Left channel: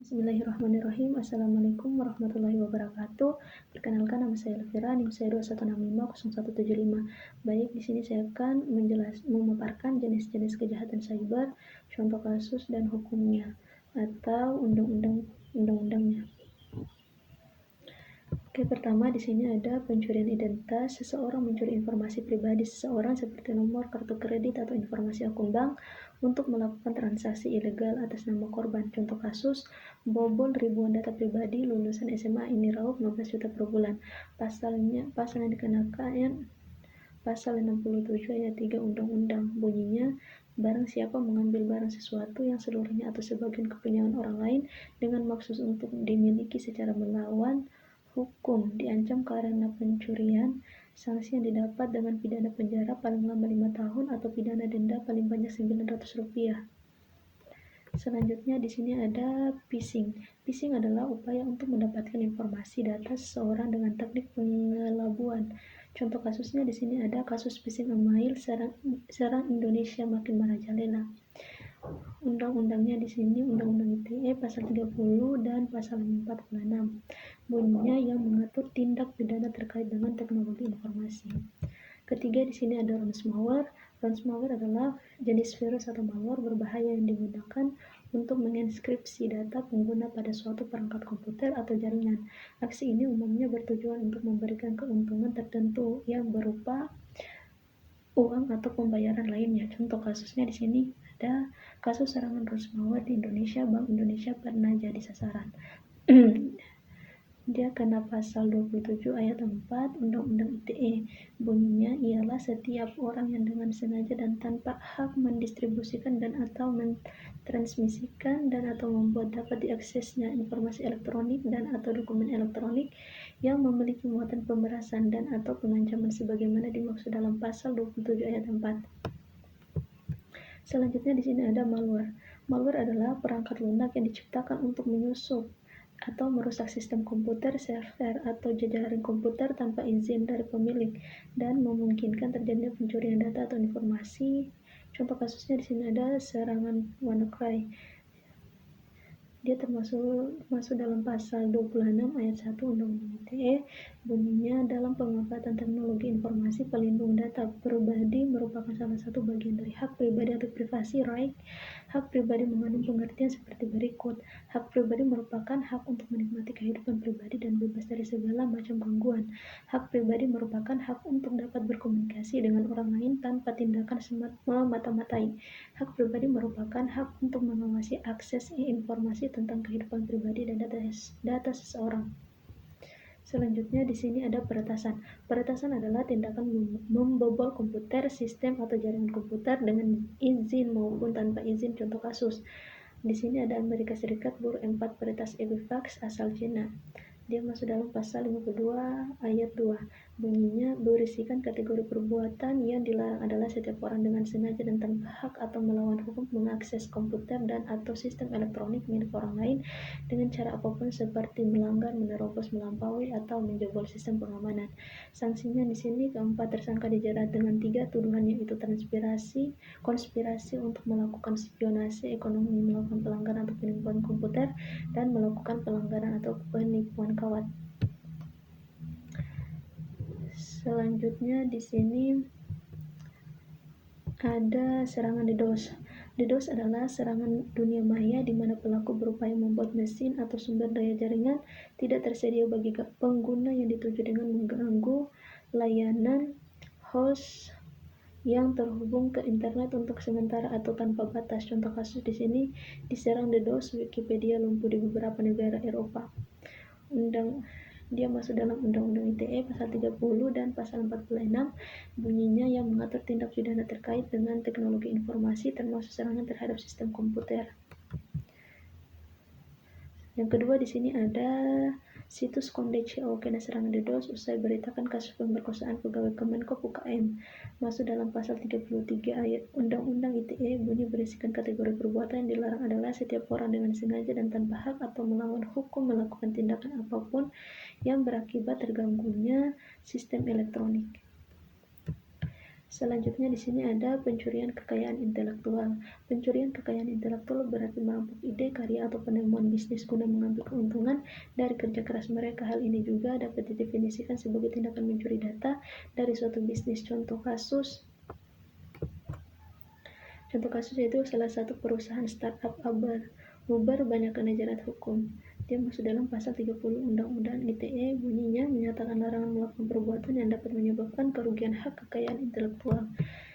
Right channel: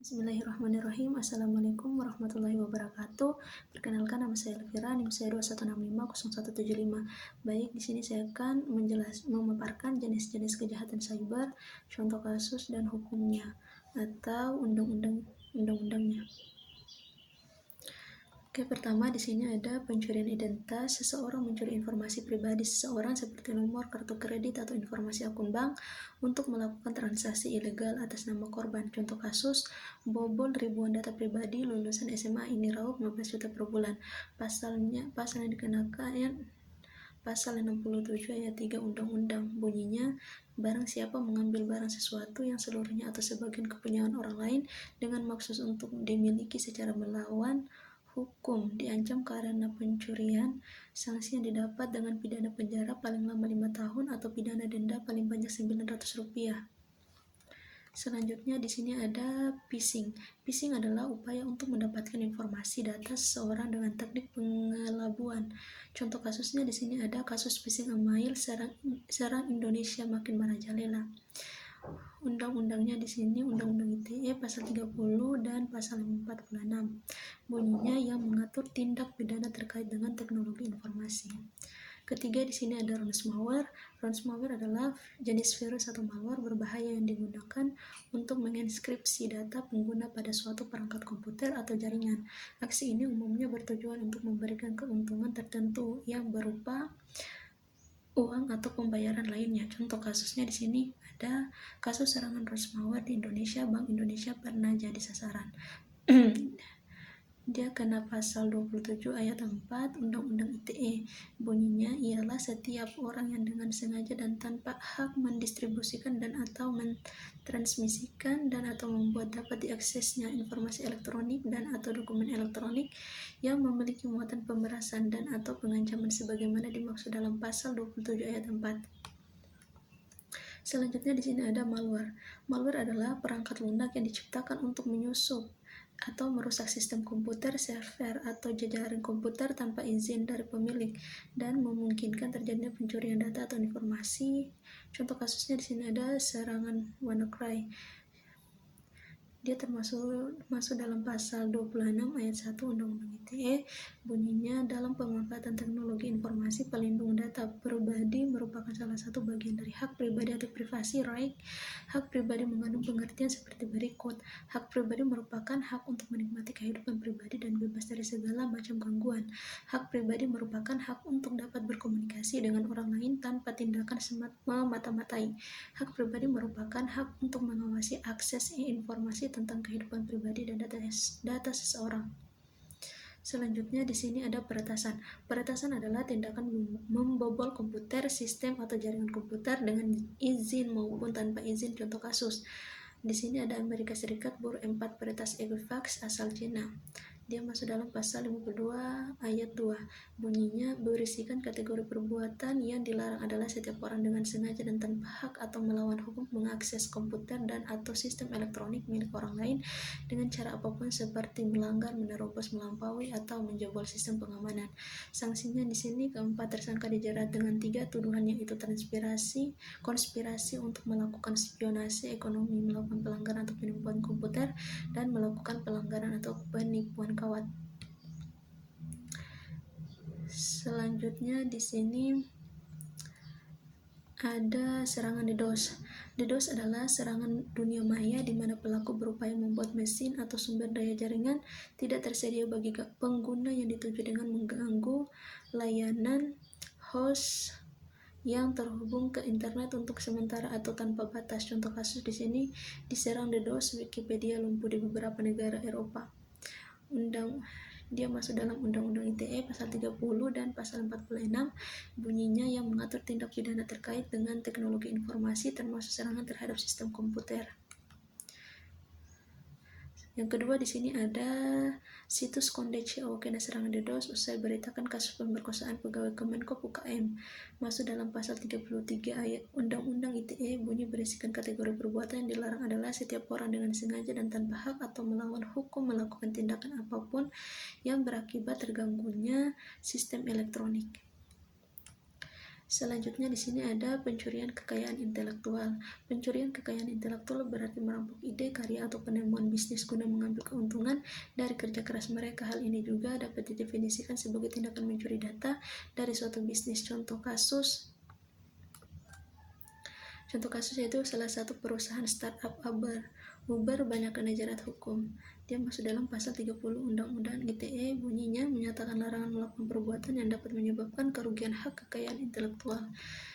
Bismillahirrahmanirrahim. Assalamualaikum warahmatullahi wabarakatuh. Perkenalkan, nama saya Elvira, NIM saya 21650175. Baik, di sini saya akan memaparkan jenis-jenis kejahatan cyber, contoh kasus dan hukumnya atau undang-undangnya. Oke, pertama di sini ada pencurian identitas. Seseorang mencuri informasi pribadi seseorang seperti nomor kartu kredit atau informasi akun bank untuk melakukan transaksi ilegal atas nama korban. Contoh kasus, bobol ribuan data pribadi lulusan SMA ini raup 15 juta per bulan. Pasal yang dikenakan Pasal 67 ayat 3 Undang-Undang bunyinya, barang siapa mengambil barang sesuatu yang seluruhnya atau sebagian kepunyaan orang lain dengan maksud untuk dimiliki secara melawan hukum diancam karena pencurian, sanksi yang didapat dengan pidana penjara paling lama 5 tahun atau pidana denda paling banyak Rp900. Selanjutnya di sini ada phishing. Phishing adalah upaya untuk mendapatkan informasi data seseorang dengan teknik pengelabuan. Contoh kasusnya di sini ada kasus phishing email serang Indonesia makin merajalela. Undang-undangnya di sini Undang-Undang ITE pasal 30 dan pasal 46. Bunyinya yang mengatur tindak pidana terkait dengan teknologi informasi. Ketiga di sini ada ransomware. Ransomware adalah jenis virus atau malware berbahaya yang digunakan untuk menginskripsi data pengguna pada suatu perangkat komputer atau jaringan. Aksi ini umumnya bertujuan untuk memberikan keuntungan tertentu yang berupa uang atau pembayaran lainnya. Contoh kasusnya di sini ada kasus serangan ransomware di Indonesia. Bank Indonesia pernah jadi sasaran. Dia kena pasal 27 ayat 4 Undang-Undang ITE. Bunyinya ialah setiap orang yang dengan sengaja dan tanpa hak mendistribusikan dan atau mentransmisikan dan atau membuat dapat diaksesnya informasi elektronik dan atau dokumen elektronik yang memiliki muatan pemerasan dan atau pengancaman sebagaimana dimaksud dalam pasal 27 ayat 4. Selanjutnya di sini ada malware. Malware adalah perangkat lunak yang diciptakan untuk menyusup atau merusak sistem komputer, server, atau jajaran komputer tanpa izin dari pemilik dan memungkinkan terjadinya pencurian data atau informasi. Contoh kasusnya di sini ada serangan WannaCry. Dia masuk dalam pasal 26 ayat 1 Undang-Undang ITE. Bunyinya, dalam pemanfaatan teknologi informasi pelindung data pribadi merupakan salah satu bagian dari hak pribadi atau privasi right. Hak pribadi mengandung pengertian seperti berikut. Hak pribadi merupakan hak untuk menikmati kehidupan pribadi dan bebas dari segala macam gangguan. Hak pribadi merupakan hak untuk dapat berkomunikasi dengan orang lain tanpa tindakan memata-matai. Hak pribadi merupakan hak untuk mengawasi akses informasi tentang kehidupan pribadi dan data seseorang. Selanjutnya di sini ada peretasan. Peretasan adalah tindakan membobol komputer, sistem atau jaringan komputer dengan izin maupun tanpa izin. Contoh kasus. Di sini ada Amerika Serikat buruh 4 peretas Equifax asal Cina. Dia masuk dalam pasal 52 ayat 2. Bunyinya, berisikan kategori perbuatan yang dilarang adalah setiap orang dengan sengaja dan tanpa hak atau melawan hukum mengakses komputer dan atau sistem elektronik milik orang lain dengan cara apapun seperti melanggar, menerobos, melampaui atau menjebol sistem pengamanan. Sanksinya di sini keempat tersangka dijerat dengan 3 tuduhan, yaitu konspirasi untuk melakukan spionase ekonomi, melakukan pelanggaran atau penipuan komputer, dan melakukan pelanggaran atau penipuan kawat. Selanjutnya di sini ada serangan DDoS. DDoS adalah serangan dunia maya di mana pelaku berupaya membuat mesin atau sumber daya jaringan tidak tersedia bagi pengguna yang dituju dengan mengganggu layanan host yang terhubung ke internet untuk sementara atau tanpa batas. Contoh kasus di sini, diserang DDoS, Wikipedia lumpuh di beberapa negara Eropa. Dia masuk dalam Undang-Undang ITE pasal 30 dan pasal 46. Bunyinya yang mengatur tindak pidana terkait dengan teknologi informasi termasuk serangan terhadap sistem komputer. Yang kedua di sini ada situs Konde.co kena serangan DDoS usai beritakan kasus pemerkosaan pegawai Kemenkop UKM. Masuk dalam pasal 33 ayat Undang-Undang ITE. Bunyi berisikan kategori perbuatan yang dilarang adalah setiap orang dengan sengaja dan tanpa hak atau melawan hukum melakukan tindakan apapun yang berakibat terganggunya sistem elektronik. Selanjutnya di sini ada pencurian kekayaan intelektual. Pencurian kekayaan intelektual berarti merampok ide, karya, atau penemuan bisnis guna mengambil keuntungan dari kerja keras mereka. Hal ini juga dapat didefinisikan sebagai tindakan mencuri data dari suatu bisnis. Contoh kasus yaitu salah satu perusahaan startup Uber banyak kena jerat hukum. Dia masuk dalam pasal 30 Undang-Undang ITE, bunyinya menyatakan larangan melakukan perbuatan yang dapat menyebabkan kerugian hak kekayaan intelektual.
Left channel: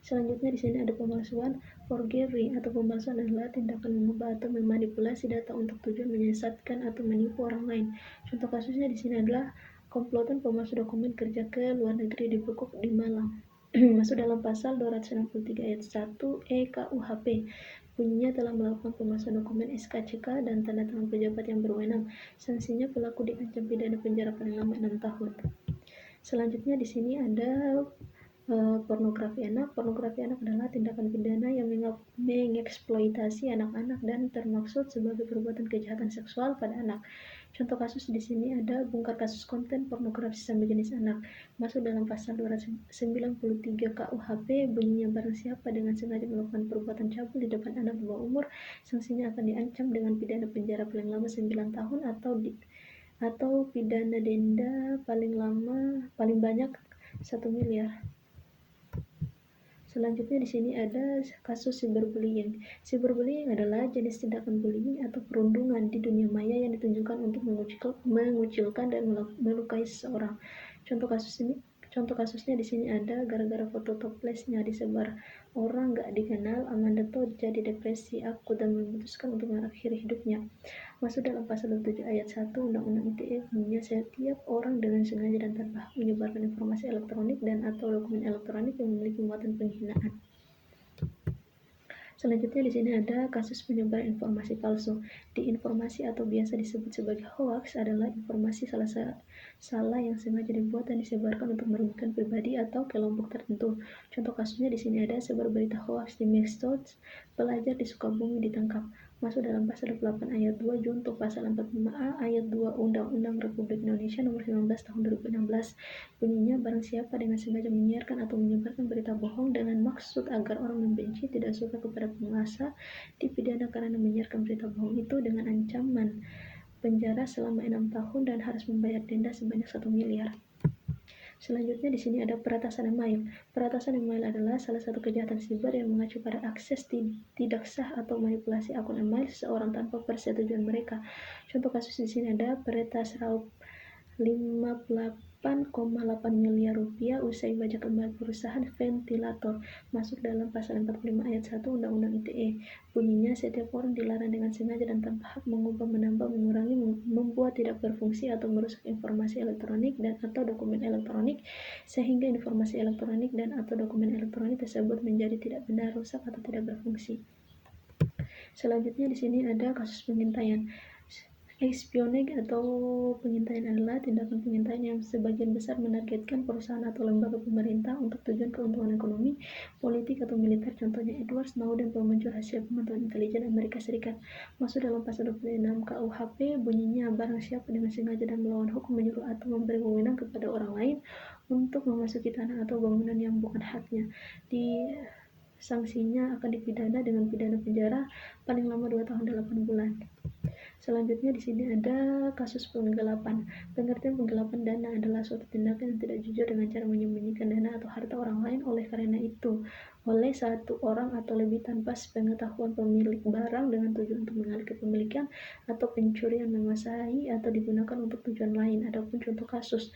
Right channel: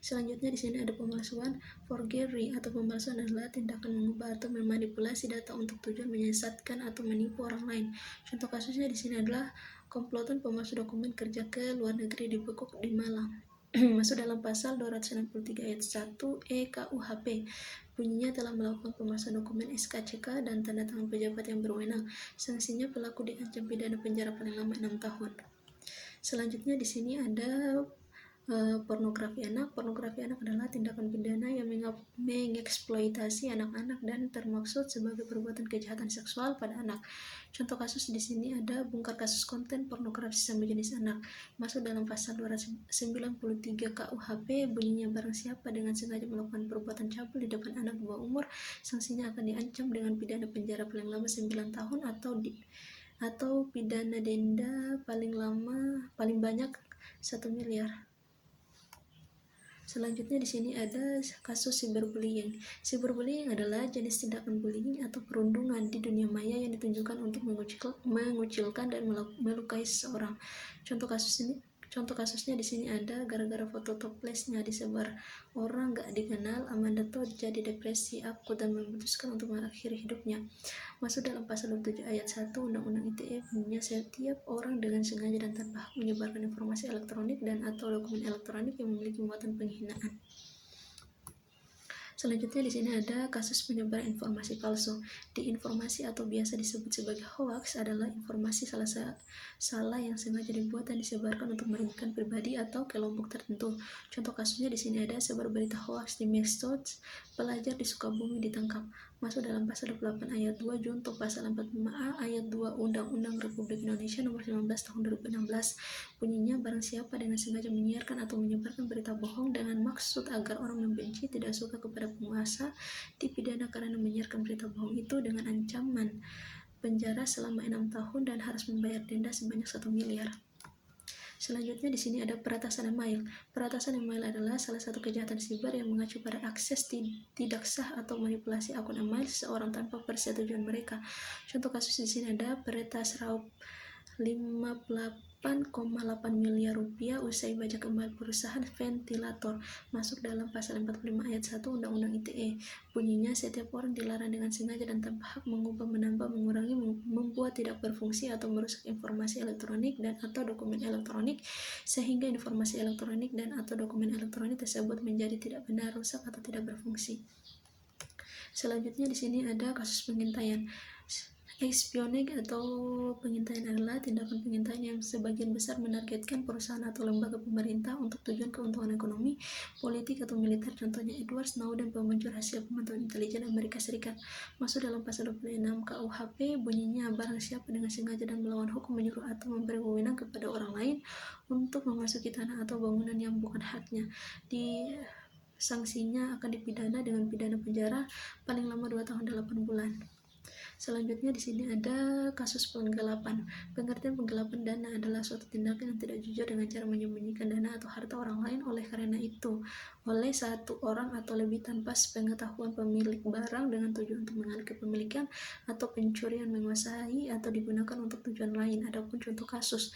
Selanjutnya di sini ada pemalsuan. Forgery atau pemalsuan adalah tindakan mengubah atau memanipulasi data untuk tujuan menyesatkan atau menipu orang lain. Contoh kasusnya di sini adalah komplotan pemalsu dokumen kerja ke luar negeri dibekuk di Malang. Masuk dalam pasal 263 ayat 1 E KUHP. Bunyinya telah melakukan pemalsuan dokumen SKCK dan tanda tangan pejabat yang berwenang. Sanksinya pelaku diancam pidana penjara paling lama 6 tahun. Selanjutnya di sini ada pornografi anak. Pornografi anak adalah tindakan pidana yang mengeksploitasi anak-anak dan termaksud sebagai perbuatan kejahatan seksual pada anak. Contoh kasus di sini ada bongkar kasus konten pornografi sesama jenis anak. Masuk dalam pasal 293 KUHP, bunyinya barang siapa dengan sengaja melakukan perbuatan cabul di depan anak di bawah umur, sanksinya akan diancam dengan pidana penjara paling lama 9 tahun atau pidana denda paling banyak 1 miliar. Selanjutnya di sini ada kasus cyberbullying. Cyberbullying adalah jenis tindakan bullying atau perundungan di dunia maya yang ditunjukkan untuk mengucilkan dan melukai seseorang. Contoh kasusnya di sini ada gara-gara foto toplesnya disebar orang gak dikenal, Amanda Todd jadi depresi akut dan memutuskan untuk mengakhiri hidupnya. Masuk dalam pasal 27 ayat 1 Undang-Undang ITE, bunyinya setiap orang dengan sengaja dan tanpa hak menyebarkan informasi elektronik dan atau dokumen elektronik yang memiliki muatan penghinaan. Selanjutnya di sini ada kasus penyebaran informasi palsu. Di informasi atau biasa disebut sebagai hoax adalah informasi salah yang sengaja dibuat dan disebarkan untuk merugikan pribadi atau kelompok tertentu. Contoh kasusnya di sini ada sebar berita hoax di medsos, pelajar di Sukabumi ditangkap. Masuk dalam pasal 28 ayat 2 junto pasal 45A ayat 2 Undang-Undang Republik Indonesia Nomor 19 Tahun 2016. Bunyinya barang siapa dengan sengaja menyiarkan atau menyebarkan berita bohong dengan maksud agar orang membenci, tidak suka kepada penguasa, dipidana karena menyiarkan berita bohong itu dengan ancaman penjara selama 6 tahun dan harus membayar denda sebanyak 1 miliar. Selanjutnya di sini ada peretasan email. Peretasan email adalah salah satu kejahatan siber yang mengacu pada akses tidak sah atau manipulasi akun email seseorang tanpa persetujuan mereka. Contoh kasus di sini ada peretas raup 58,8 miliar rupiah usai bajak kembali perusahaan ventilator. Masuk dalam pasal 45 ayat 1 Undang-Undang ITE. Bunyinya setiap orang dilarang dengan sengaja dan tanpa hak mengubah, menambah, mengurangi, membuat tidak berfungsi atau merusak informasi elektronik dan atau dokumen elektronik sehingga informasi elektronik dan atau dokumen elektronik tersebut menjadi tidak benar, rusak atau tidak berfungsi. Selanjutnya di sini ada kasus pengintaian. Espionage atau pengintaian adalah tindakan pengintaian yang sebagian besar menargetkan perusahaan atau lembaga pemerintah untuk tujuan keuntungan ekonomi, politik, atau militer. Contohnya Edward Snowden, pembuncur hasil pemantauan intelijen Amerika Serikat. Masuk dalam pasal 26 KUHP, bunyinya barang siapa dengan sengaja dan melawan hukum menyuruh atau memberi wewenang kepada orang lain untuk memasuki tanah atau bangunan yang bukan haknya, sanksinya akan dipidana dengan pidana penjara paling lama 2 tahun 8 bulan. Selanjutnya di sini ada kasus penggelapan. Pengertian penggelapan dana adalah suatu tindakan yang tidak jujur dengan cara menyembunyikan dana atau harta orang lain oleh satu orang atau lebih tanpa sepengetahuan pemilik barang dengan tujuan untuk mengalih kepemilikan atau pencurian, menguasai atau digunakan untuk tujuan lain. Adapun contoh kasus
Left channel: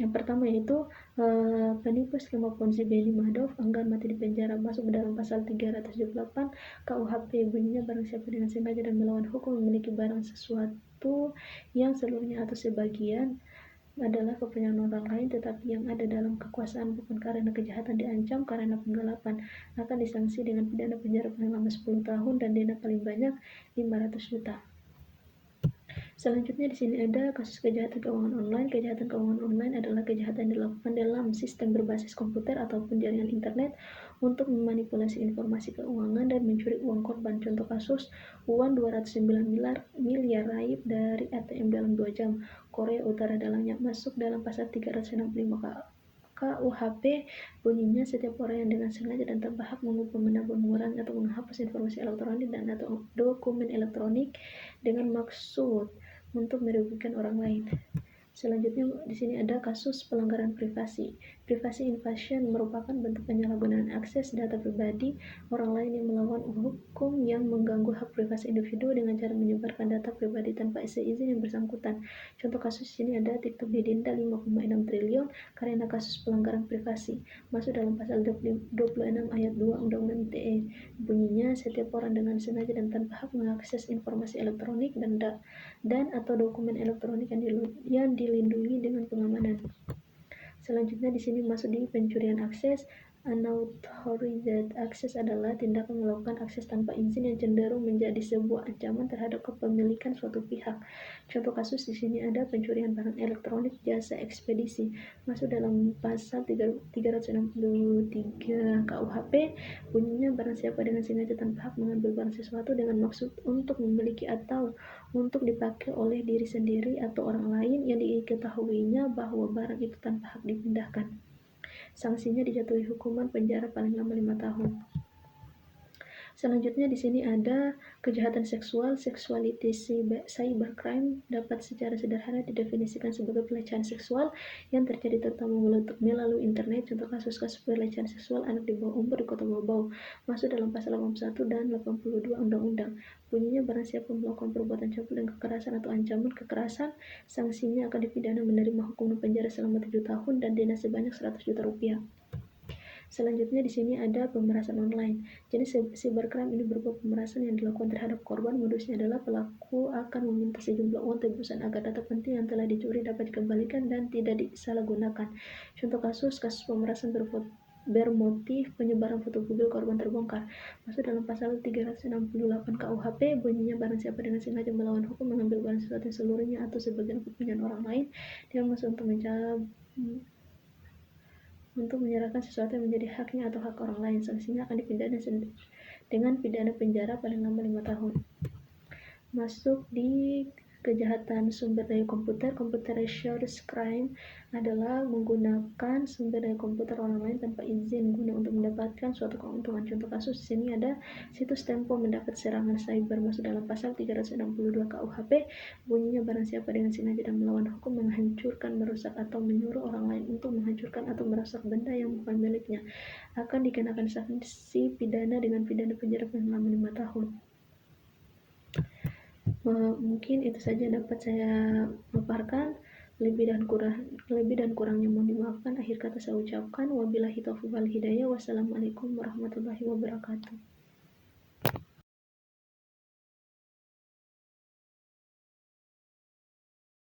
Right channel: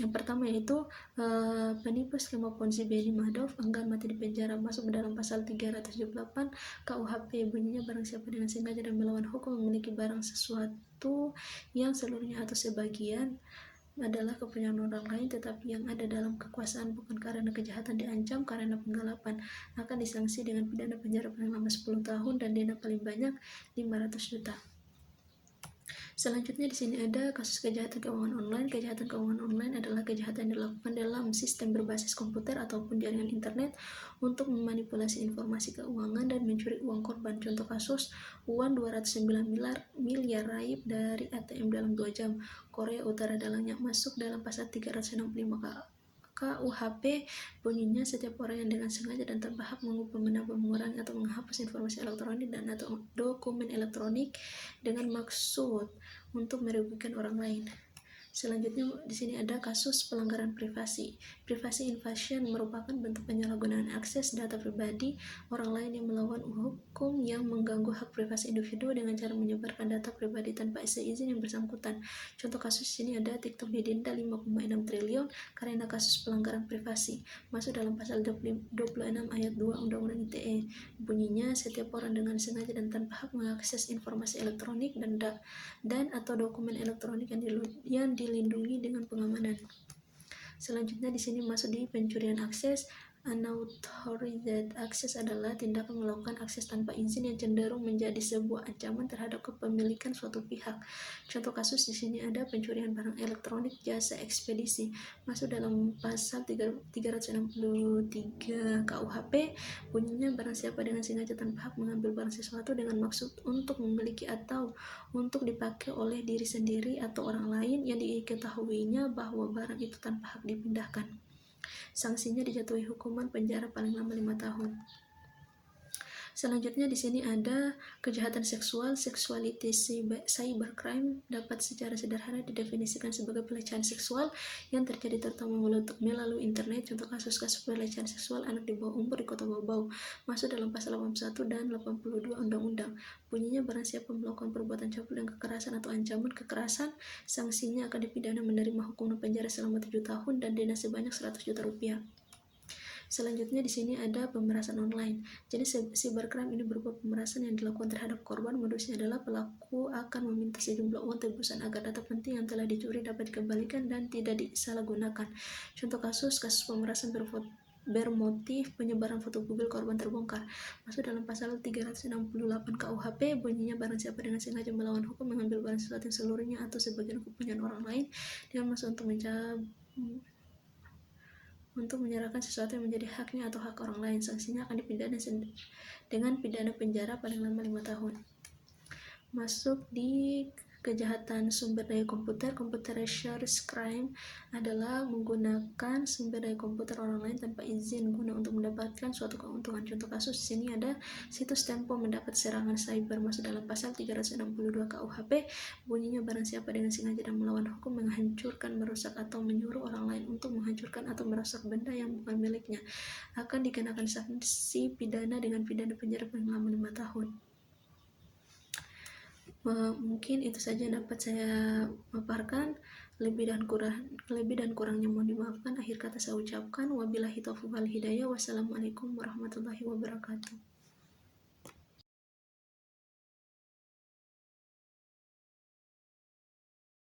yang pertama yaitu penipu skema Ponzi Benny Madoff enggan mati di penjara. Masuk dalam pasal 378 KUHP. Bunyinya barang siapa dengan sengaja dan melawan hukum memiliki barang sesuatu yang seluruhnya atau sebagian adalah kepunyaan orang lain tetapi yang ada dalam kekuasaan bukan karena kejahatan diancam karena penggelapan, akan disanksi dengan pidana penjara paling lama 10 tahun dan denda paling banyak 500 juta. Selanjutnya di sini ada kasus kejahatan keuangan online. Kejahatan keuangan online adalah kejahatan yang dilakukan dalam sistem berbasis komputer ataupun jaringan internet untuk memanipulasi informasi keuangan dan mencuri uang korban. Contoh kasus, uang 209 miliar raib dari ATM dalam 2 jam. Korea Utara dalangnya. Masuk dalam pasal 365 KUHP bunyinya setiap orang yang dengan sengaja dan tanpa hak mengubah, menambah, mengurangi atau menghapus informasi elektronik dan atau dokumen elektronik dengan maksud untuk merugikan orang lain. Selanjutnya di sini ada kasus pelanggaran privasi. Privacy invasion merupakan bentuk penyalahgunaan akses data pribadi orang lain yang melawan hukum yang mengganggu hak privasi individu dengan cara menyebarkan data pribadi tanpa seizin yang bersangkutan. Contoh kasus di sini ada TikTok didenda 5,6 triliun karena kasus pelanggaran privasi. Masuk dalam pasal 26 ayat 2 Undang-Undang ITE. Bunyinya setiap orang dengan sengaja dan tanpa hak mengakses informasi elektronik dan atau dokumen elektronik yang dilindungi dengan pengamanan. Selanjutnya di sini masuk di pencurian akses. Unauthorized access adalah tindakan melakukan akses tanpa izin yang cenderung menjadi sebuah ancaman terhadap kepemilikan suatu pihak. Contoh kasus di sini ada pencurian barang elektronik, jasa ekspedisi. Masuk dalam pasal 363 KUHP. Bunyinya barang siapa dengan sengaja tanpa hak mengambil barang sesuatu dengan maksud untuk memiliki atau untuk dipakai oleh diri sendiri atau orang lain yang diketahuinya bahwa barang itu tanpa hak dipindahkan. Sanksinya dijatuhi hukuman penjara paling lama 5 tahun. Selanjutnya di sini ada kejahatan seksual. Sexuality cybercrime dapat secara sederhana didefinisikan sebagai pelecehan seksual yang terjadi terutama melalui internet. Contoh kasus-kasus pelecehan seksual anak di bawah umur di Kota Bau-Bau masuk dalam pasal 81 dan 82 Undang-Undang. Bunyinya barang siapa melakukan perbuatan cabul dan kekerasan atau ancaman kekerasan, sanksinya akan dipidana menerima hukuman penjara selama 7 tahun dan denda sebanyak 100 juta rupiah. Selanjutnya di sini ada pemerasan online. Jadi cybercrime ini berupa pemerasan yang dilakukan terhadap korban. Modusnya adalah pelaku akan meminta sejumlah uang tebusan agar data penting yang telah dicuri dapat dikembalikan dan tidak disalahgunakan. Contoh kasus pemerasan bermotif penyebaran foto mobil korban terbongkar. Masuk dalam pasal 368 KUHP. Bunyinya barang siapa dengan sengaja melawan hukum mengambil barang sesuatu yang seluruhnya atau sebagian kepunyaan orang lain dengan maksud untuk menyerahkan sesuatu yang menjadi haknya atau hak orang lain, sanksinya akan dipidana dengan pidana penjara paling lama 5 tahun. Masuk di kejahatan sumber daya komputer. Computerized crime adalah menggunakan sumber daya komputer orang lain tanpa izin guna untuk mendapatkan suatu keuntungan. Contoh kasus di sini ada situs Tempo mendapat serangan cyber. Masuk dalam pasal 362 KUHP. Bunyinya barang siapa dengan sengaja dan melawan hukum menghancurkan, merusak atau menyuruh orang lain untuk menghancurkan atau merusak benda yang bukan miliknya akan dikenakan sanksi pidana dengan pidana penjara paling lama 5 tahun. Mungkin itu saja yang dapat saya paparkan. Lebih dan kurangnya mohon dimaafkan. Akhir kata saya ucapkan wabillahi taufiq wal hidayah. Wassalamualaikum warahmatullahi wabarakatuh.